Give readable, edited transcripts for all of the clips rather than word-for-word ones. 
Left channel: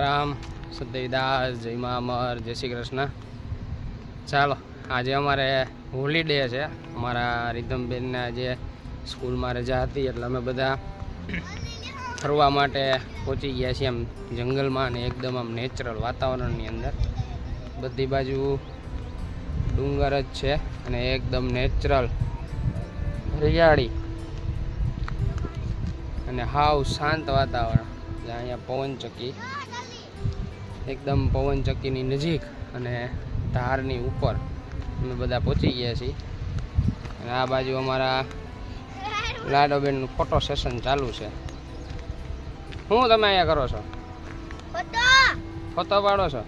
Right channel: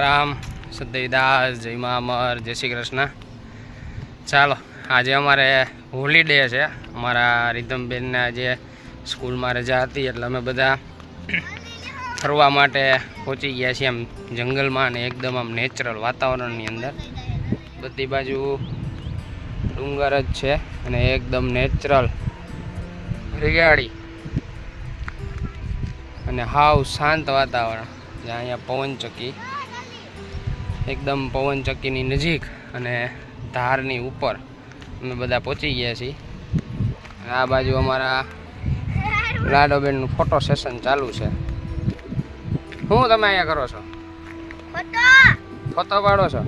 રામ સદૈદાસ જય મા અમર જય શ્રી કૃષ્ણ। ચાલો આજે અમારે હોલીડે છે, અમારા રીધમબેનના જે સ્કૂલમાં રજા હતી એટલે અમે બધા ફરવા માટે પહોંચી ગયા છીએ આમ જંગલમાં અને એકદમ આમ નેચરલ વાતાવરણની અંદર। બધી બાજુ ડુંગર જ છે અને એકદમ નેચરલ હરિયાળી અને હાવ શાંત વાતાવરણ। જ્યાં અહીંયા પવનચક્કી એકદમ પવનચક્કીની નજીક અને ધારની ઉપર અમે બધા પહોંચી ગયા છીએ। આ બાજુ અમારા લાડોબેનનું ફોટો સેશન ચાલુ છે। શું તમે અહીંયા કરો છો? ફોટો પાડો છો?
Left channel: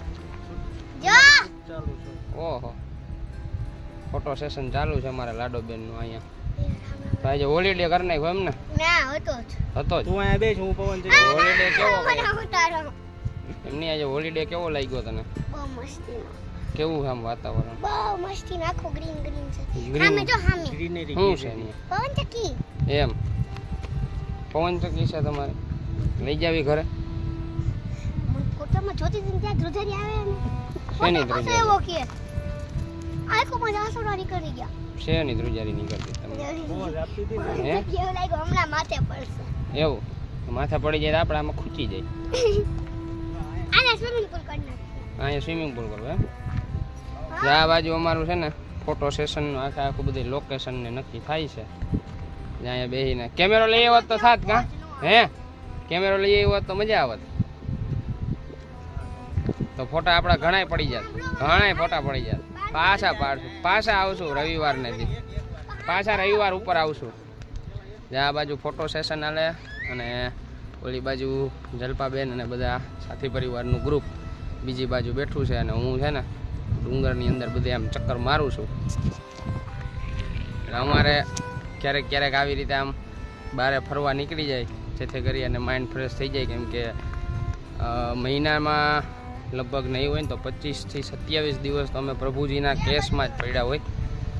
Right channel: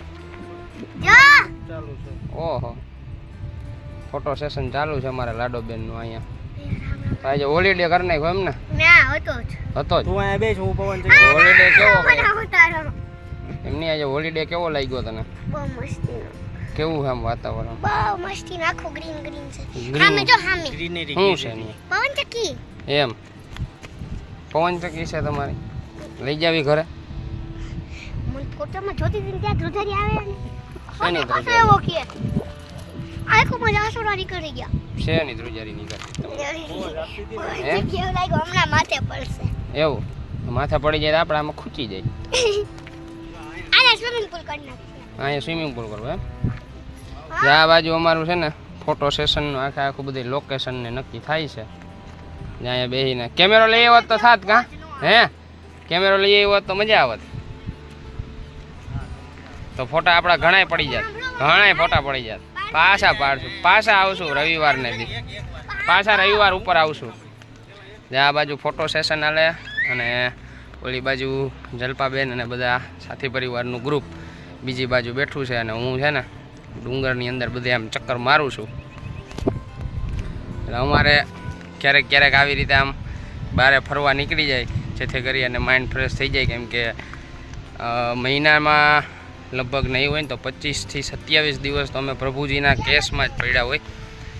ઓહો, ફોટો સેશન ચાલુ છે અમારા લાડોબેનનું અહીંયા। આજે હોલીડે કરી નાખ્યો એમ ને? હતો જ હું અહીંયા બેસ હું પવન હોલીડે કેવો એમની આજે હોલીડે કેવો લાગ્યો તને? બહુ મસ્તી કેવું આમ વાતાવરણ? બહુ મસ્તી આખો ગ્રીન ગ્રીન છે। સામે જો સામે ગ્રીનરી શું છે? પવનચક્કી એમ પવનચક્કી છે તમારી? લઈ જાવી ઘરે? મને ફોટોમાં જોતી હતી ત્યાં ધ્રુજારી આવે ને શેની ધ્રુજારી? એવો કે આખો મજા આસોડારી કરી ગયા। શેની ધ્રુજારી નીકળતી તમને? કેવું લાગ્યું? હમણાં માથે પડશે। એવું માથા પડી જાય આપણે આમાં ખૂચી જાય। આને સ્વિમિંગ પૂલ કરી નાખીએ। અહીંયા સ્વિમિંગ પૂલ કરવું એમ? આ બાજુ અમારું છે ને ફોટો સેશનનું આખું બધી લોકેશન ને નક્કી થાય છે। અહીંયા બેસીને કેમેરો લઈ આવત તો થાત કા? હે કેમેરો લઈ આવ્યો તો મજા આવત, તો ફોટા આપણા ઘણાય પડી જાત, ઘણાય ફોટા પડી જાત। પાછા પાડશું, પાછા આવશું રવિવારને દી, પાછા રવિવાર ઉપર આવશું। જ્યાં આ બાજુ ફોટો સેશન હાલે અને ઓલી બાજુ જલપાબેન અને બધા સાથી પરિવારનું ગ્રુપ બીજી બાજુ બેઠું છે અને હું છે ને ડુંગરની અંદર બધે આમ ચક્કર મારું છું। એટલે અમારે ક્યારેક ક્યારેક આવી રીતે આમ બહાર ફરવા નીકળી જાય જેથી કરી અને માઇન્ડ ફ્રેશ થઈ જાય। કેમ કે મહિનામાં લગભગ નહીં હોય ને તો 25 થી 27 દિવસ તો અમે પ્રભુજીના કેસમાં જ પડ્યા હોય,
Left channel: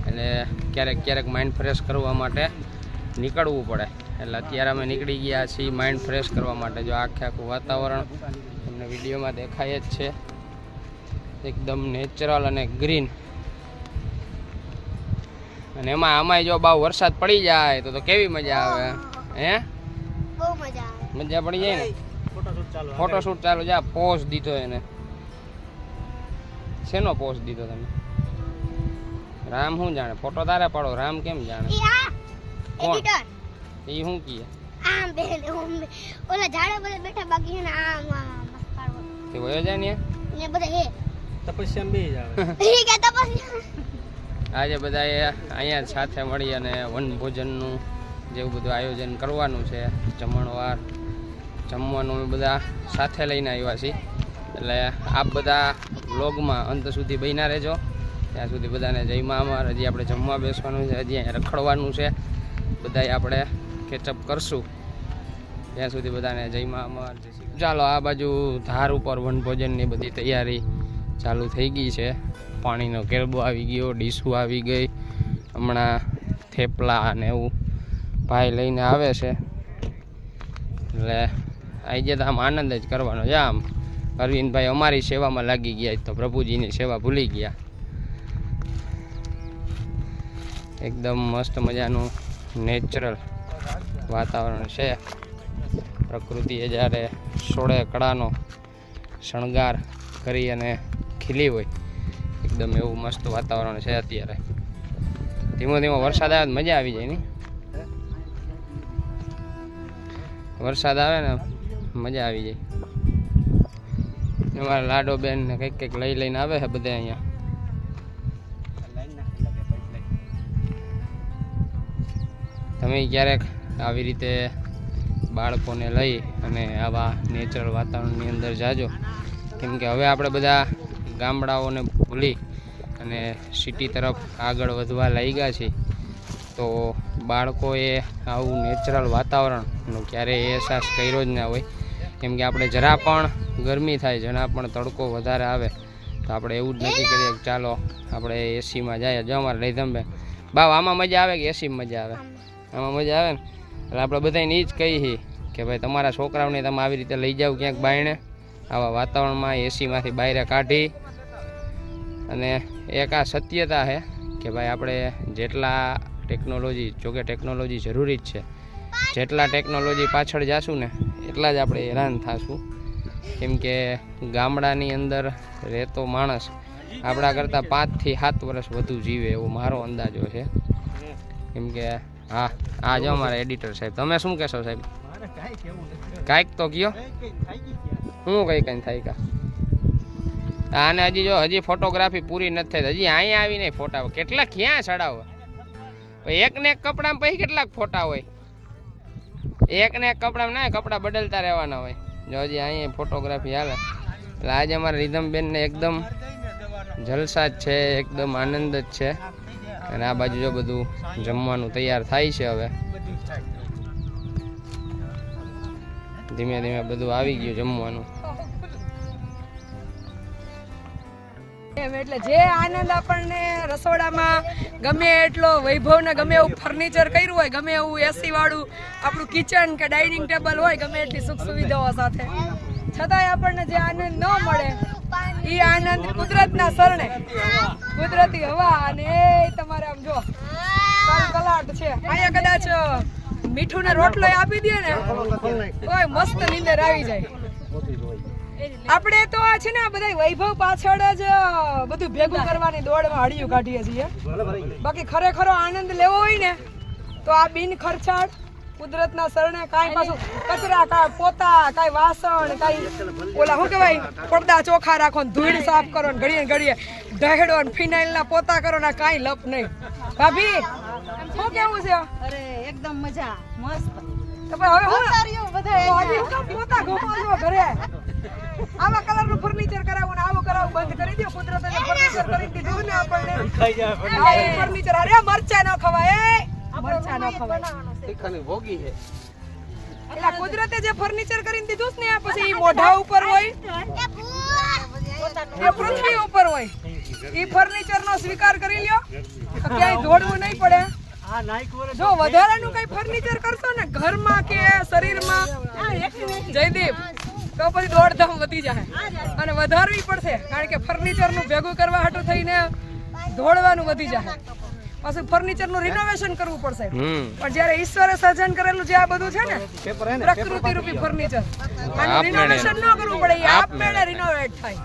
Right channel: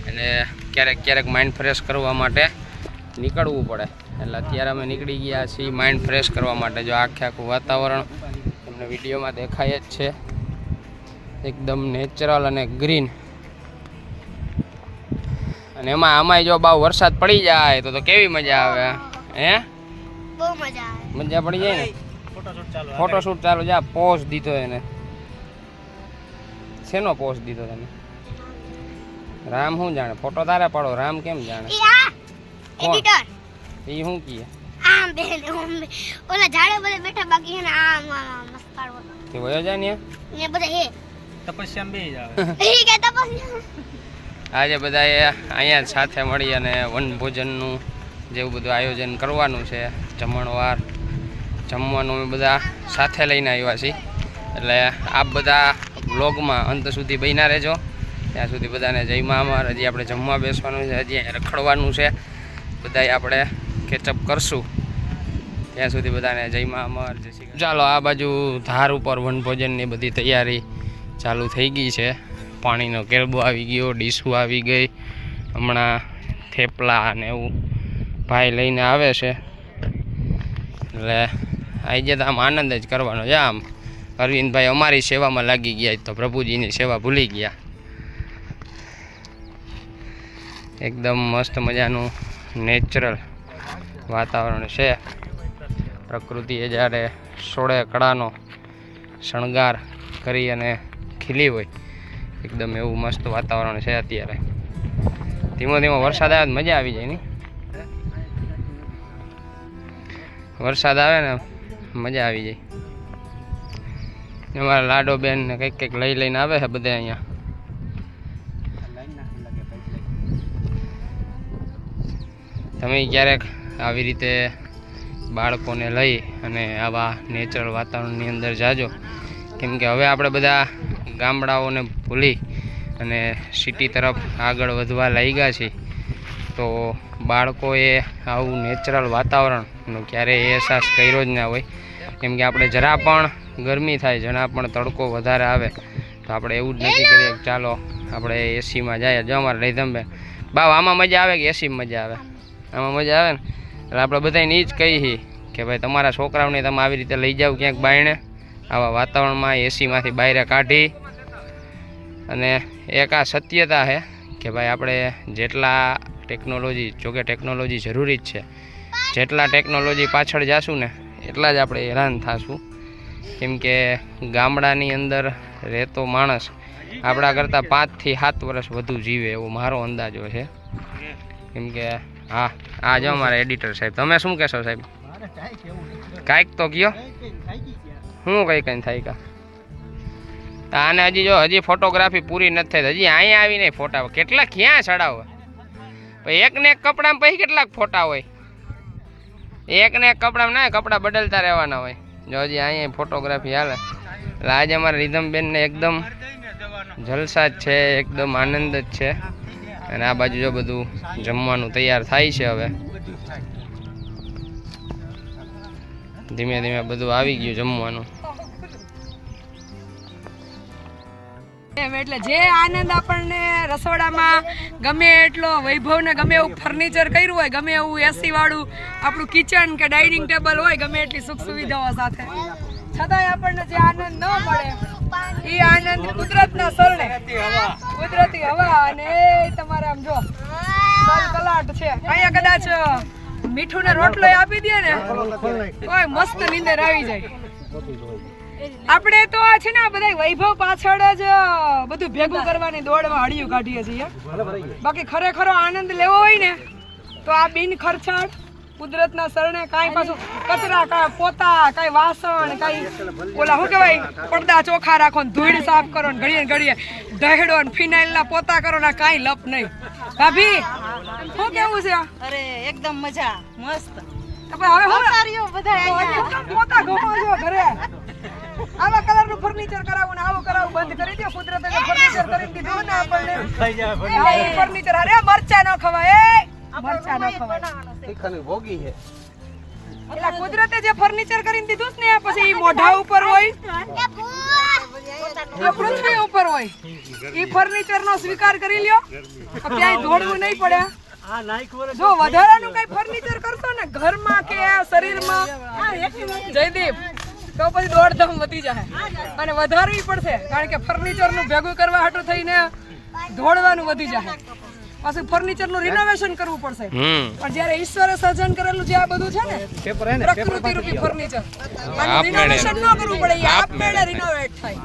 એટલે ક્યારેક ક્યારેક માઇન્ડ ફ્રેશ કરવા માટે નીકળવું પડે। એટલે અત્યારે અમે નીકળી ગયા છીએ માઇન્ડ ફ્રેશ કરવા માટે। જો આખું વાતાવરણ તમને વિડીયોમાં દેખાય જ છે, એકદમ નેચરલ અને ગ્રીન। અને એમાં અમાય જો બહુ વરસાદ પડી જાય તો કેવી મજા આવે? હે બહુ મજા આવે, મજા પડી જાય ને? ફોટોશૂટ ચાલુ જા પોઝ દીધો એને। શેનો પોઝ દીધો તમે? રામ શું જાણે? ફોટો તારે પાડો, રામ કેમ જાણે? એડિટર એ શું કીએ? આમ બેન ઓલા ઝાડે બધે બેઠા બાકી છે ને આમ મસ્ત પાડવો તે વયો જાય ને બધા હે તપસ્યા બે જાય ઠીક હે તપસ્યા। આજે બધાએ અહીંયા સાથે મળી અને વનભોજનનું જેવું બધું આયોજન કરવાનું છે। જમણવાર જમવાનું અમે બધા સાથે લઈને આવ્યા છીએ, એટલે આપ બધા વ્લોગમાં અંત સુધી બન્યા રહેજો। ત્યાં સુધી બધાને જય મા અમર। હજી આપણે જમવા બેસવાનું છે, હજી અહીંયા રખડવાનું છે, બધાય આપણે કેચઅપ કરશું। ત્યાં સુધી બધાને જય મા અમર જય શ્રી કૃષ્ણ। ચાલો આ બાજુ ધાર ઉપર વનભોજનની બધી તૈયારી ચાલુ થઈ ગઈ છે। પાણીનો કેરબો આવી ગયો, ડીશું આવી ગઈ, હમણાં થેપલા અને એવું ભાઈ લઈને આવે છે, એટલે આજે તો આમ આનંદ જ કરવાનો છે। આમ અરવિંદભાઈ અમારી સેવામાં લાગી ગયા તો પ્રભુજીની સેવા ભૂલી ગયા। એકદમ મસ્ત મજાનું નેચરલ વાતાવરણ છે। પ્રકૃતિએ જ્યારે સોળે કળાનો શણગાર કરી અને ખીલી હોય એકદમ એવું મસ્ત વાતાવરણ છે અત્યારે। ધીમો ધીમો વરસાદ આવે મજા આવી જાય ને? વરસાદ આવે ને મજા આવી જાય। અમારા લાડોબેન ને કંઈક કંઈક લઈ લઈને આવે છે બધે અહીંયા। તમે ક્યારેક આવી રીતે બાળકોને લઈ અને આવા નેચરલ વાતાવરણની અંદર જાજો, કેમ કે હવે આપણે બધા ગામડાઓને ભૂલી અને સિટી તરફ આગળ વધવા લાગ્યા છીએ, તો બાળકોએ આવું નેચરલ વાતાવરણનો ક્યારેય અહેસાસ કર્યો જ ના હોય। કેમ કે આપણે જરા પણ ગરમી થાય, જરા પણ તડકો વધારે આવે તો આપણે એવું જ નક્કી કરીએ કે ચાલો આપણે એસીમાં જાય। જો અમારે રીધમબેન બાવ આમાં મજા આવે કે એસીમાં મજા આવે? આમાં મજા આવે ને? એટલે આપણે બધાને એ જ કહીએ કે ભાઈ તમારા છોકરાઓને તમે આવી રીતે લઈ જાઓ ક્યાંક બાયણે આવા વાતાવરણમાં એસીમાંથી બહાર કાઢી અને એક આ સત્યતા છે કે ભાઈ આપણે જેટલા ટેકનોલોજી, જોકે ટેકનોલોજી જરૂરી જ છે, જેટલા ટેકનોલોજી પાછળ જાશું ને એટલા જ આપણે હેરાન થશું. કેમ કે ગામડાની અંદર રહેતો માણસ આપણા કરતાં 5 થી 7 વર્ષ વધુ જીવે એવો મારો અંદાજો છે. કેમ કે હા, આ જો અમારા એડિટર સાહેબ, તમે શું કહેશો સાહેબ? કાંઈક તો કયો, શું કંઈ થાય કા? આને હજી ફોટોગ્રાફી પૂરી નથી થઈ, હજી અહીંયા આવીને ફોટા કેટલા ક્યાં ચડાવે? એક ને એક કપડામાં પછી કેટલાક ફોટા હોય? એક ને એક કપડામાં ના, કપડાં બદલતા રહેવાના હોય. જો હજી અહીંયા ફોટોગ્રાફી હાલે. એટલે આજે અમારા રીધમબેનને એકદમ જલસા જ છે, એકદમ આનંદ જ છે. અને આ બાજુ જો બધું જમવાનું તૈયાર થાય છે. હવે ધીમે ધીમે બધું આવી ગયું જમવાનું. એટલે જે આનંદ આપણને રસોડામાં ગમે એટલો વૈભવ ને ગમે એવું ફર્નિચર કર્યું હોય, ગમે એવું એસી વાળું આપણું કિચન કે ડાઇનિંગ ટેબલ હોય, ગમે એટલી સુખ સુવિધાઓ સાથે, છતાંય આપણને જે આનંદ ન મળે એ આનંદ કુદરતના શરણે, કુદરતી હવા અને તમારે આમ જો કલાટ છે. અહીંયા કદાચ મીઠું ને રોટલો આપી દે ને કોઈ મસ્ત નીંદર આવી જાય. આપણે તો આ છે ને બધા વૈભવ પાછળ જ બધું ભેગું કરવાની દોડમાં હળિયું કાઢીએ છીએ. બાકી ખરેખરો આનંદ લેવો હોય ને તો આ બિન ખર્ચાળ કુદરતના શરણે કાંઈ પાછું કચરા, કાંઈ પોતા, કાંઈ વાસણ, કાંઈ ઓલા શું કહેવાય પડદા ચોખ્ખા રાખો ને ધૂળ સાફ કરો ને ઘડીએ ઘડીએ દહેડો ને ફિનાઇલના પોતા કરો ને કાંઈ લપ નહીં. ભાભી શું કેવું છે? અરે એકદમ મજા, મસ્ત. હવે પોતા ઘમાજો ઘરે. આવા કલરનું ફર્નિચર કરાવવું ને આવું કરાવવું બંધ કરી દો. કુદરતે ફર્નિચર કરી દીધું ને આપણને ફર્નિચર. અરે મરચા ન ખવાય, મરચા ન ખવાય. એટલે કુદરતે જે ફર્નિચર કરીને દીધું ને પછી ઈ મોઢા ઉપર હોય, પૃથ્વી ઉપર હોય, ઈ ફર્નિચર નો સ્વીકાર કરી લ્યો. ક્યાંય દોડવું નહીં પડે. જો વધારાનું કઈ ફર્નિચર કરશો ને ઘરમાં કે શરીરમાં જયદીપ, તો પછી દોડધામ વધી જાય અને વધારવી પડશે. કારણ કે ફર્નિચર નું ભેગું કરવા હાટું થઈને દોડવાનું વધી જાય. પાછું ફર્નિચર નું રિનોવેશન કરવું પડશે. પણ જયારે ઈશ્વરે સર્જન કરેલું જે આ બધું છે ને પ્રકૃતિ રૂપી ફર્નિચર, આનું રિનોવેશન ન કરવું પડે, એ આપમેળે રિનોવેટ થાય.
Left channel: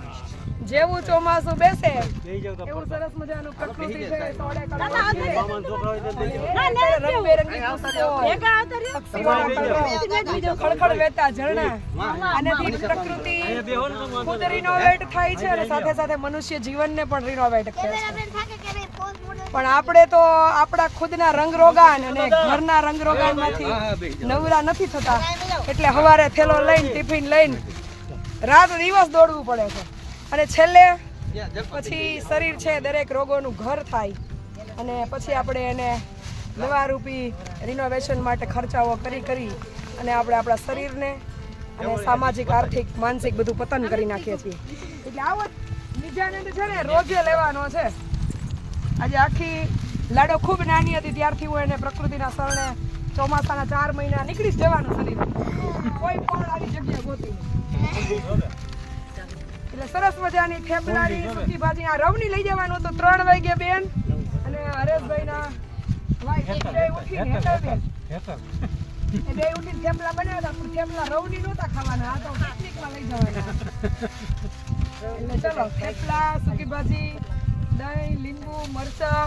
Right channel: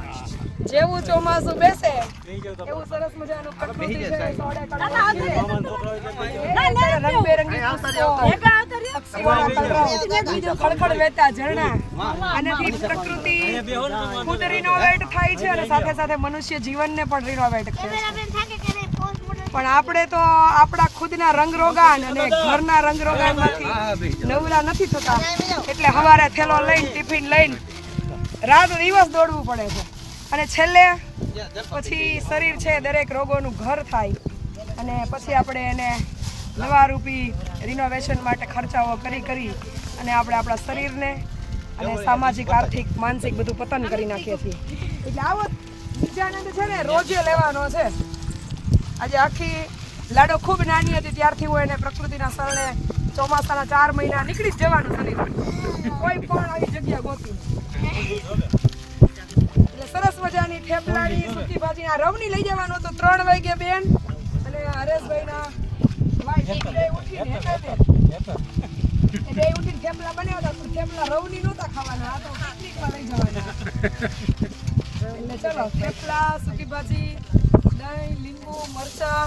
જેવું ચોમાસું બેસે એવું સરસ મજાનું પ્રકૃતિ છે, રંગબેરંગી પુષ્પો, પક્ષીઓના કલરવ, ખળખળ વહેતા ઝરણા, આનાથી પ્રકૃતિ ખુદ રિનોવેટ થાય છે અને સાથે સાથે મનુષ્ય જીવનને પણ રિનોવેટ કરે છે. પણ આપણે તો આપણા ખુદના રંગરોગાન અને ઘરના રંગરોગાનમાંથી નવરા નથી થતા. એટલે સવારે થેલો લઈને, ટિફિન લઈને રાત દિવસ દોડવું પડે છે. અને છેલ્લે પછી શરીર છે દરેક રોગોનું ઘર થાય અને પછી આપણે એને નવા રૂપી રિનોવેશન માટે ખર્ચાઓ કરી અને આપણે આપણા શરીરને અને સામાજિક, આર્થિક, માનસિક બધું પતન કરી નાખીએ છીએ. એટલે આવો નિજાનંદ છે ને રોજે લેવાનો છે. આજે આખી લાડો ખૂબ નાની હતી ત્યારથી હું એને પ્રકૃતિના શરણે ચોમાસાના 4 મહિના નીકળી જ જવાનું છે. કોઈ પણ આવી જગ્યા ગોતું એટલે સરસ મજાની થેપલાની સૂકી ભાજી. આ રવની લઈ જવાનું હતું 3 વાગે બેન અને હરેશભાઈના વાઈફ ઉઠીને થેપલા બનાવતા, પણ થેપલા રવની નહોતા ખાવાના, આ તો પિકનિકમાં લઈ જવાના. એટલે ચલો થેપલા, સૂકી ભાજી, દહીં, લીંબુ, મરચા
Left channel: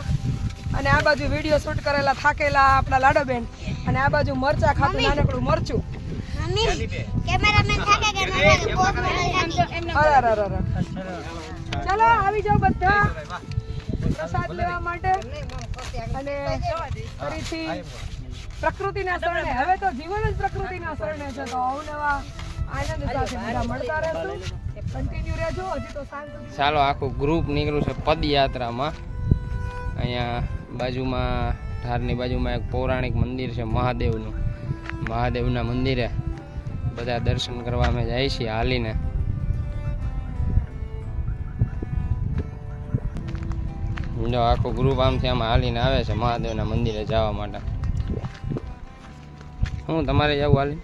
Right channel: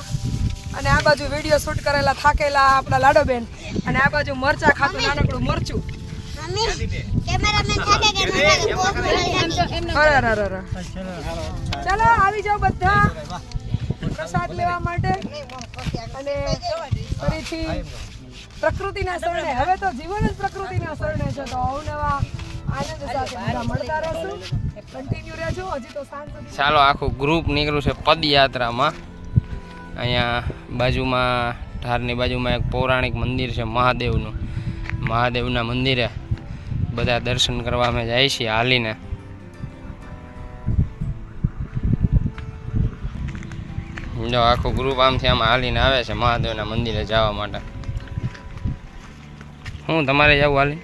અને આ બાજુ વિડીયો શૂટ કરેલા થાકેલા આપણા લાડોબેન અને આ બાજુ મરચા ખાતું નાનકડું મરચું. ચાલો આવી જાઓ બધા પ્રસાદ લેવા માટે અને ફરીથી પ્રકૃતિના શરણે. હવે તો જીવન જ પ્રકૃતિના શરણે છે. તો અવનવા આનંદ સાથે બધા મળતા રહેશું. કન્ટિન્યુ રહેજો. હજી તો સાંજ. ચાલો આખું ગ્રુપ નીકળ્યું છે પદયાત્રામાં. અહીંયા બાજુમાં, ઢારની બાજુમાં એક પૌરાણિક મંદિર છે મહાદેવનું. મહાદેવના મંદિરે બધા દર્શન કરવા અમે જાય છીએ હાલીને. જો આખું ગ્રુપ આમથી આમ હાલીને આવે છે મહાદેવના મંદિરે જવા માટે. હું તમારે જવું હાલી?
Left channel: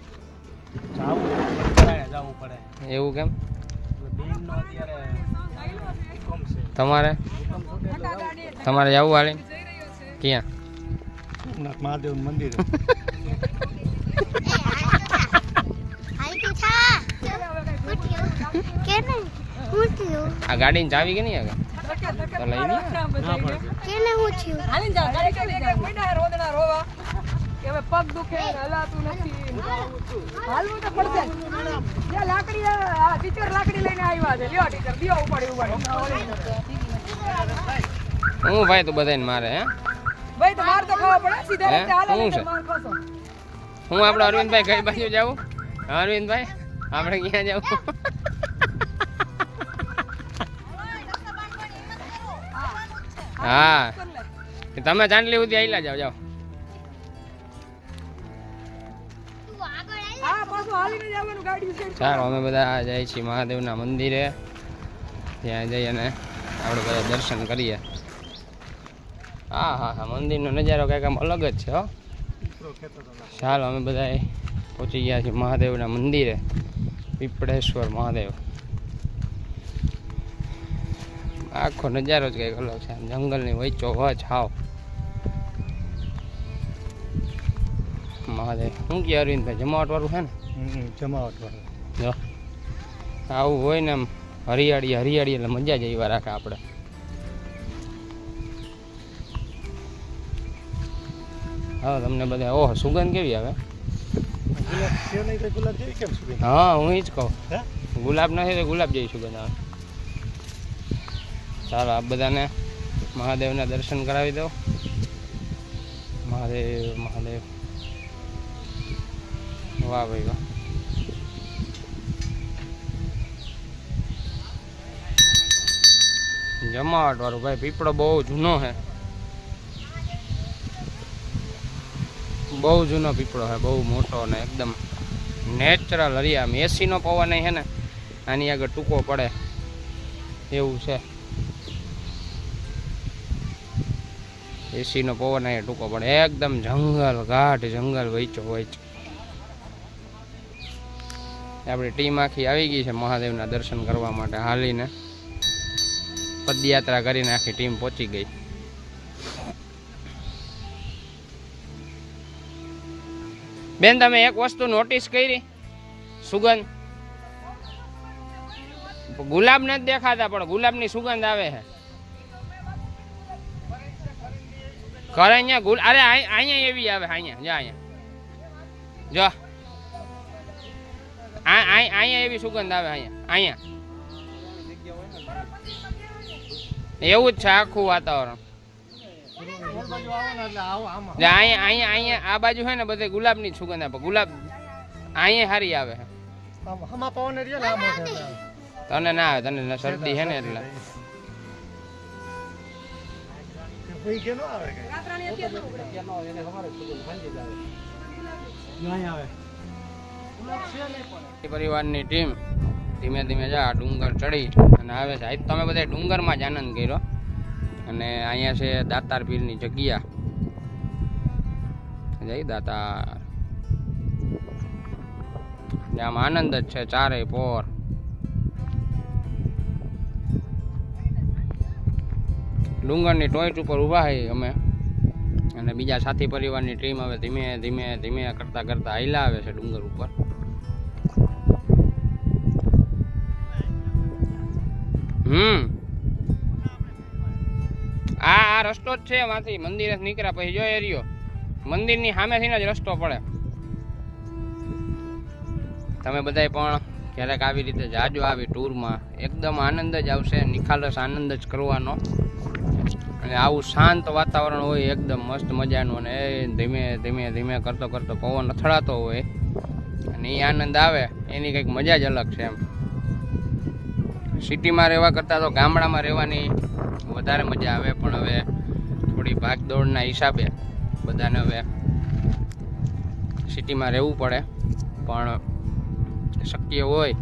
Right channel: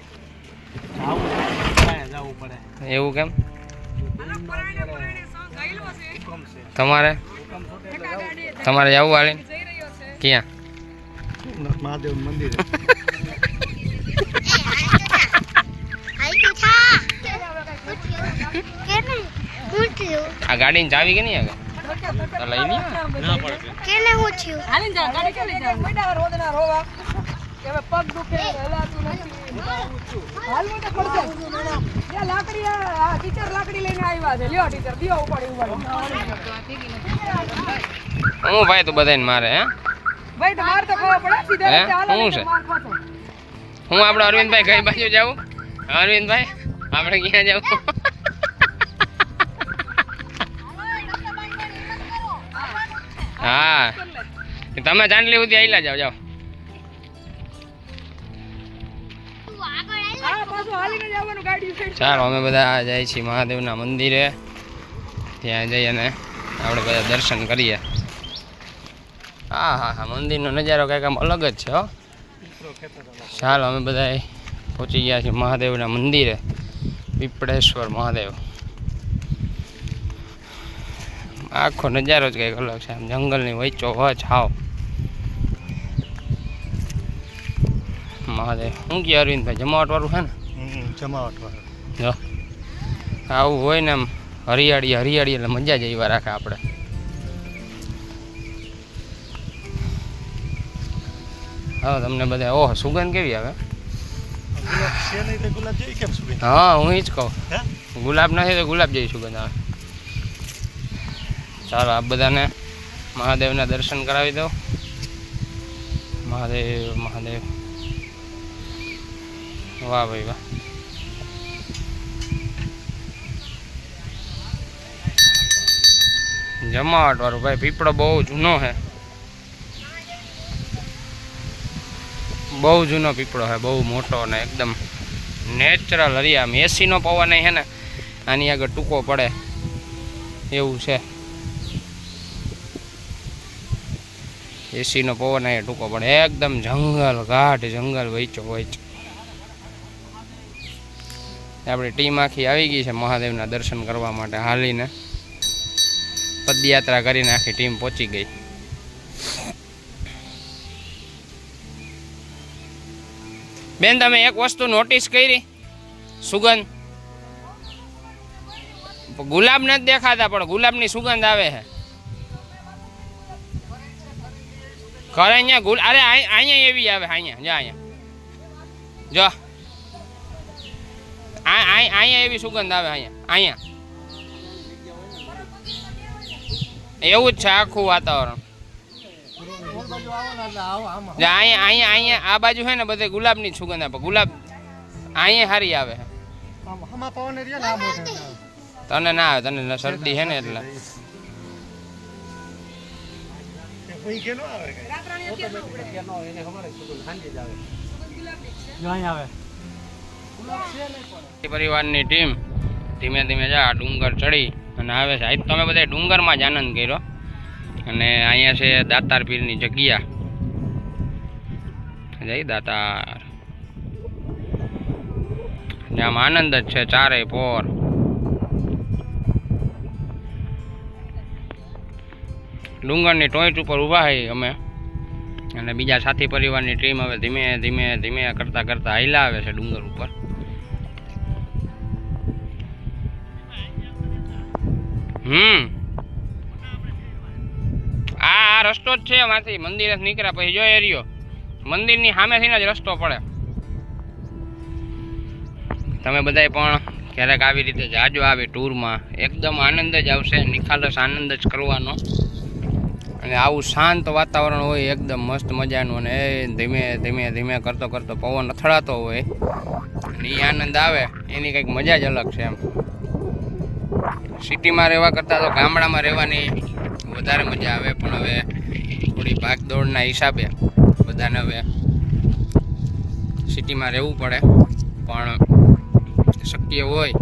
એવું કેમ? તમારે તમારે જવું હાલે ક્યાં મહાદેવ મંદિર આ ગાડીની ચાવી કે નહીં તો લઈ લી કેને હું થયું હાલીને જા ગાડી ચાલી જા બેટા રોદના રોવા કે હવે પગ દુખે હલાતું નથી હાલવું તો પડશે યા લાકડી આ ટીચર લાકડી લઈને આવ્યા છે લ્યો ટીચર દિયો ઉપાડી હું ભાઈ તું બધાને મારે હે ભાઈ તમાર તો ખબર પડે સીધા હે? રસ્તે હાલે શું છે? માર ખાશો. હું આપણે અરવિંદભાઈ કઈ બાજુ જાઉં અરવિંદભાઈ આપણે ક્યાં જાવું હા તમે ચાંદલી સુધી આયલા જાઓ જાઓ હા પાછું હાલીને જવાનું ગાડી છે ચાલો અમે બધા જાય છીએ મહાદેવના મંદિરે ત્યાં જઈ અને આપણે બધા દર્શન કરીએ હા હા હા મંદિરનો નજારો કંઈક આમ અલગ જ છે હો ચાલો અમે બધા પહોંચી ગયા છીએ મહાદેવના મંદિરે પીપળેશ્વર મહાદેવ આખો નજારો જ કંઈક અલગ છે આમ જંગલની વચ્ચો વચ હાવ મહાદેવ શું કહે અરવિંદભાઈ જમાવટવાળું છે ને જમાવટ જો આવું હોય ને આમ હરિયાળી હરિયાળી એટલે મજા જ એવા રાખે આપણે હા તમને બધા ઓહ સુગંધ કેવી આવે ગુલાબ જેવી કેમ સુગંધ હા હું જ કહું હે ગુલાબ નથી તો ગુલાબ જેવી સુગંધ આવે ચાલો આપ બધાને મહાદેવના દર્શન કરાવી દો મહાદેવ મહાદેવ વાહ ભાઈ વાહ જમાવટ વાળું ભાઈ પીપળો બહુ જૂનો છે બહુ જૂનો પીપળો છે બહુ મોટો ને એકદમ નેચરલ હરિયામ એસીનો પવન છે ને આની આગળ ટૂંકો પડે એવું છે એસીનો પવન અહીંયા ટૂંકો પડે એકદમ જંગલ ઘાટ જંગલ વચ્ચો વચ આપણી ટીમ આખી આવી ગઈ છે મહાદેવના દર્શન કરવા માટે હાલીને પદયાત્રા કરીને આખી ટીમ પહોંચી ગઈ બેન તમે એક વસ્તુ નોટિસ કરી સુગંધ ગુલાબ નથી દેખાતા પણ ગુલાબની સુગંધ આવે છે ઘરે અહીંયા અરે અહીંયા એવી આવે અહીંયા જો અહીંયા જો અહીંયા એવી સુગંધ આવે અહીંયા એવું જ છે આખું વાતાવરણ અહીંયા અહીંયા અહીંયા આ બાજુ છે ને બધે ગુલાબની જ સુગંધ આપે ગુલાબ અહીંયા સારી આવે છે તને ના આવે તને શરદી છે ને એટલે પરિવારની ટીમ ધીમે ધીમે જા ડુંગર ચડી અને આવે છે આજ તમે બધા ડુંગરમાં જ આનંદ કર્યો અને અહીંયા છે દાતાર પીરની જગ્યા જઈ દાતાર આમ આનંદ જ છે ચારે પોર ડુંગરની ટોચ ઉપર ઊભા હોય અમે અને બીજા સાથી પરિવારની ટીમ હવે ધીમે ધીમે ધીમે કરતા કરતા હાલ્યા આવે છે ડુંગર ઉપર આ રસ્તો જ છે માંથી મંદિર નીકળ્યા પછી જો એરિયો મંદિરની સામેથી જ રસ્તો પડે તમે બધાય પણ ક્યારેક આવી રીતે જાજો આવી ટૂરમાં એકદમ આનંદ જ આવશે નિખાલસ આનંદ જ કરવાનો અને આવું શાંત વાતાવરણ હોય એકદમ મસ્ત મજાનું અને એ ધીમે ધીમે ધીમે કરતો કરતો પવન અથડાતો હોય અને એ આનંદ આવે એની કંઈક મજા જ અલગ છે એમ સિટીમાં રહેવા કરતાં તો ગામડામાં રહેવાની વધારે મજા આવે પણ હવે થોડી ભાગદોડના હિસાબે બધાને હવે સિટીમાં રહેવું પડે પણ શક્ય હોય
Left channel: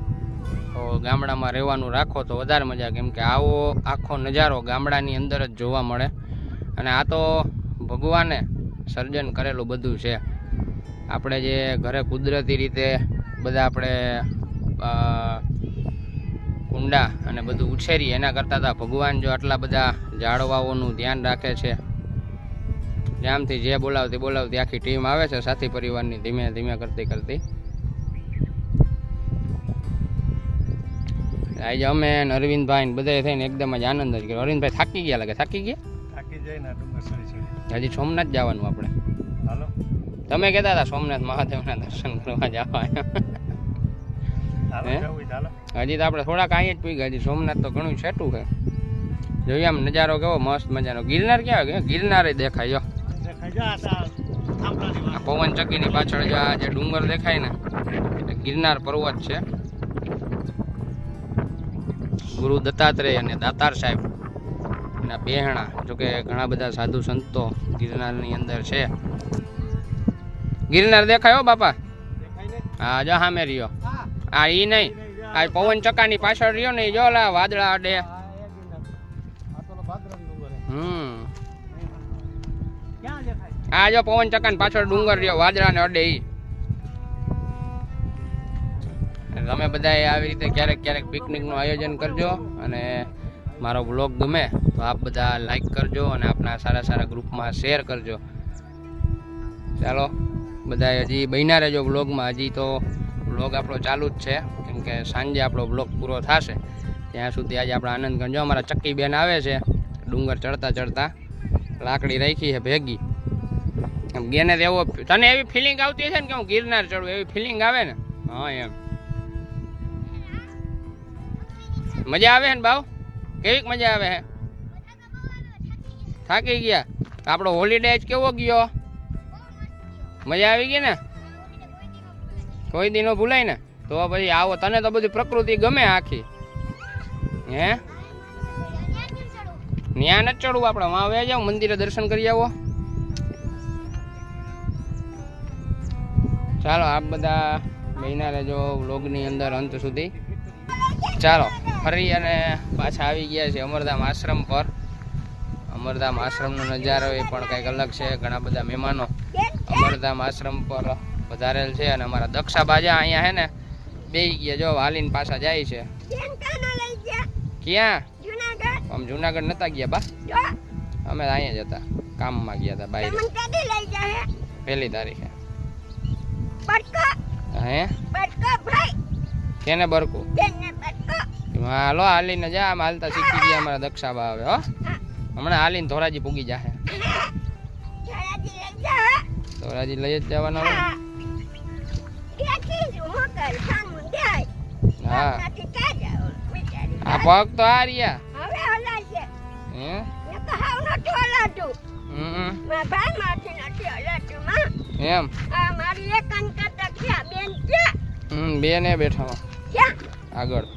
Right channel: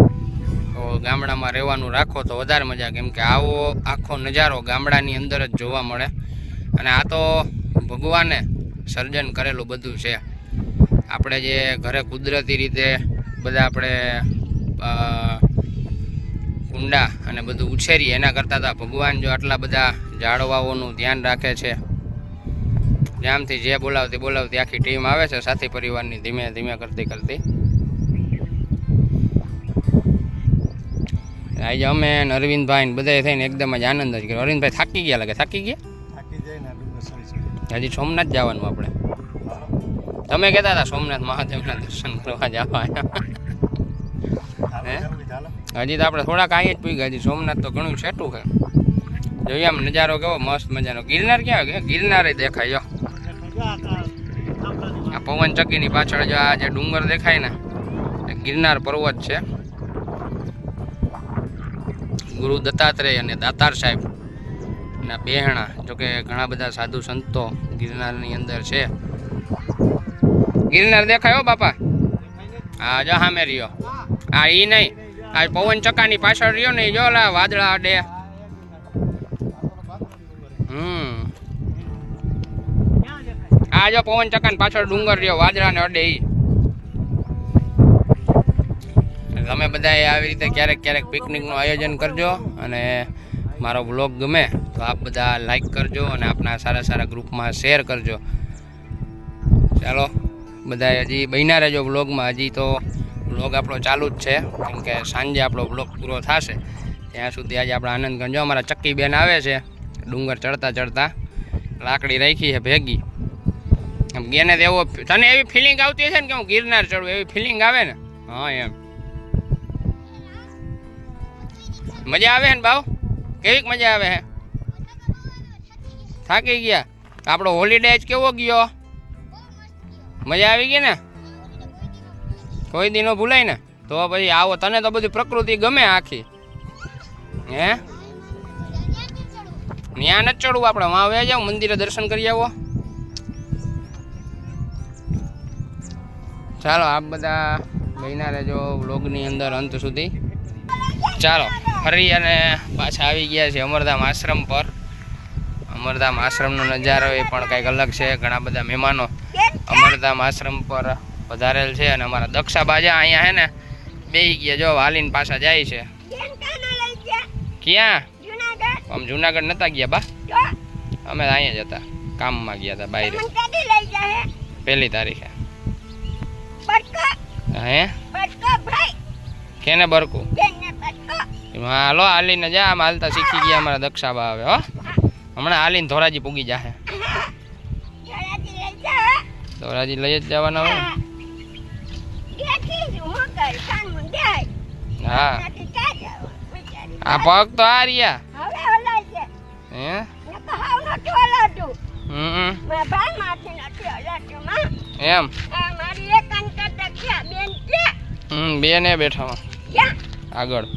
તો ગામડામાં રહેવાનું રાખો તો વધારે મજા કેમ કે આવો આખો નજારો ગામડાની અંદર જ જોવા મળે અને આ તો ભગવાને સર્જન કરેલું બધું છે આપણે જે ઘરે કુદરતી રીતે બધા આપણે કુંડા અને બધું ઉછેરી એના કરતાં તો ભગવાન જો આટલા બધા ઝાડવાઓનું ધ્યાન રાખે છે. જામથી જે બોલાવતી આખી ટીમ આવે છે સાથી પરિવારની ધીમે ધીમે કરતી. આજે અમે ને અરવિંદભાઈ ને બધા થઈને એકદમ જ આનંદ જ કર્યો. અરવિંદભાઈ થાકી ગયા લાગે. થાકી ગયા? થાકી જાય ને ડુંગર સડી હજી સોમનાથ જવાનું આપણે. હાલો તમે કહેતા હતા સોમનાથ મહાદેવના દર્શન કરવા જવા. હે? હજી તો આપણે થોડાક અહીં જ પૂગ્યા. હજી સોમનાથ તો ઘણું છેટું છે. જોઈએ આમ નજારો કેવો મસ્ત મજાનો. ગિરનાર ક્યાં આવે? ગિરનાર દેખાય. જો આ પવન ચક્કીની પાછળ જો આ જે ડુંગર દેખાય ને એ ગિરનાર પર્વત છે. ગુરુ દત્તાત્રેય અને દાતાર સાહેબ ના બેહણા. જોકે ઘણા બધા સાધુ સંતો ગિરનારની અંદર છે. ગિરનાર દેખાયો બાપા? હા જો સામે રહ્યો. હા એ નહીં, આ પવન ચક્કાની પાછળ રહ્યો ને જો લા વાદળા અડે. આ જો પવન ચક્કાની પાછળ ડુંગર રહ્યો, વાદળા ને અડે. તમે બધા આવી રીતે ક્યારેક પિકનિકનું આયોજન કરજો અને મારો બ્લોગ ગમે તો આપ બધા લાઈક કરજો અને આપણા સારા ગ્રુપમાં શેર કરજો. ચાલો બધા હજી બન્યા રહેજો બ્લોગમાં. હજી તો બ્લોગ આપણો ચાલુ જ છે, કેમ કે સાંજે આપણો બ્લોગ પૂરો થશે ત્યાં સુધી આજે આપણે આનંદ કરજો. અમારા ચક્કી બેન આવે છે ડુંગર ચડતા લાકડી રાખી છે ભેગી. ગેને એવો તને એવી ફિલિંગ આવતી હશે ને કે હું ગિરનાર ચડું, એવી ફિલિંગ આવે ને? હા એમ મજા આવે ને ભાવ? કેવીક મજા આવે હે? થાકી ગયા? આપણો હોલિડે જ કેવો ગયો? મજા આવી ગઈ ને? કોઈ દી નો ભૂલાય ને? તો પછી આવો. તને તો બધી પ્રકૃતિ ગમે આખી. હે ત્યાં નથી ચડવું આપણે, વાં આવે જાવ મંદિરે દર્શન કરી આવો. ચાલો આપ બધા બન્યા રહેજો વ્લોગની અંદર અંત સુધી. ચાલો ફરી અને પાછા આવી ગયા છે અમરધામ આશ્રમ પર. અમરધામ આશ્રમનો નજારો એ પણ કંઈક અલગ છે. ઘણા બધા મહેમાનો અમરધામ આશ્રમ પર વધારેલ છે અને અમારા દક્ષા બાજા અહીંયા હે ને બેહી ગયા. જો હાલીને પાછા જાય છે. ક્યાં? આમ જુનાગઢ નતા ગયા બા, અમે અહીંયા જ હતા, કામમાં ગયા હતા બહાર. 1 તારીખે. હે કેને બરકું? હાલો હાલીને જા. આમ હાલતા શીખી ગયા અમારા દક્ષાબા. હવે હો હમણાં હાલીને ધોરાજી પૂગી જાહે. ધોરાજી લઈ જ જવાના હોય. હા આ પગ તો આ રહ્યા. હે એમ બેન એ બેઠા આગળ.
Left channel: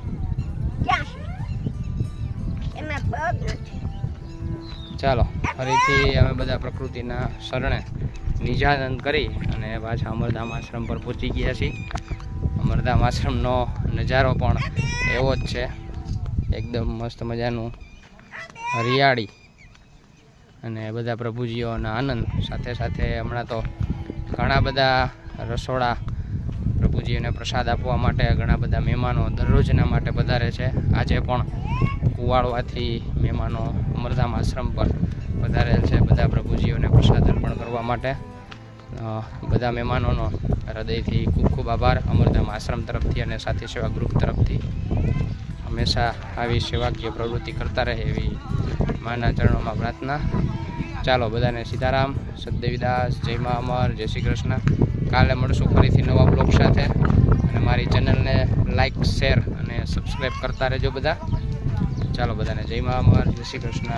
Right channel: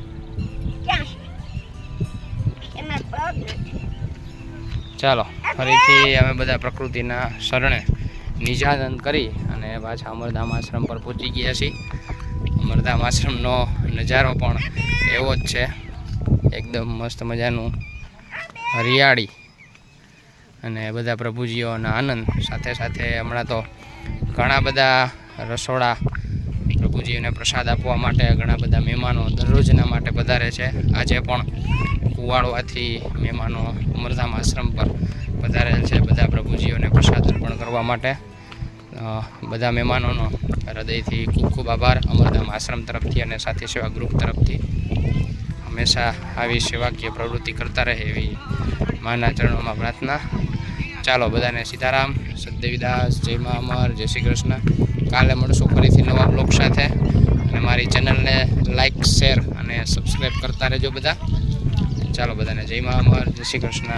ચાલો ફરીથી અમે બધા પ્રકૃતિના શરણે નિજાનંદ કરી અને પાછા અમરધામ આશ્રમ પર પહોંચી ગયા છીએ. અમરધામ આશ્રમનો નજારો પણ એવો જ છે, એકદમ મસ્ત મજાનું હરિયાળી અને બધા પ્રભુજીઓના આનંદ. સાથે હમણાં તો ઘણા બધા રસોડા પ્રભુજીઓને પ્રસાદ આપવા માટે ઘણા બધા મહેમાનો દરરોજના માટે પધારે છે. આજે પણ કુવાડવાથી મહેમાનો અમરધામ આશ્રમ પર પધારેલ છે બધા પ્રભુજીઓને પ્રસાદ અર્પણ કરવા માટે. બધા મહેમાનોનો હૃદયથી ખૂબ આભાર અમરધામ આશ્રમ તરફથી અને સાથી સેવા ગ્રુપ તરફથી. હંમેશા આવી સેવાકીય પ્રવૃત્તિ કરતા રહે એવી માના ચરણોમાં પ્રાર્થના. ચાલો બધાને સીતારામ, સદદેવીદાસ, જય મા અમર, જય શ્રી કૃષ્ણ. કાલે મળશું ફરીથી નવા બ્લોગ સાથે અને મારી ચેનલને લાઈક, શેર અને સબસ્ક્રાઈબ કરતા રહેજો બધા. ચાલો બધાને જય મા અમર, જય શ્રી કૃષ્ણ.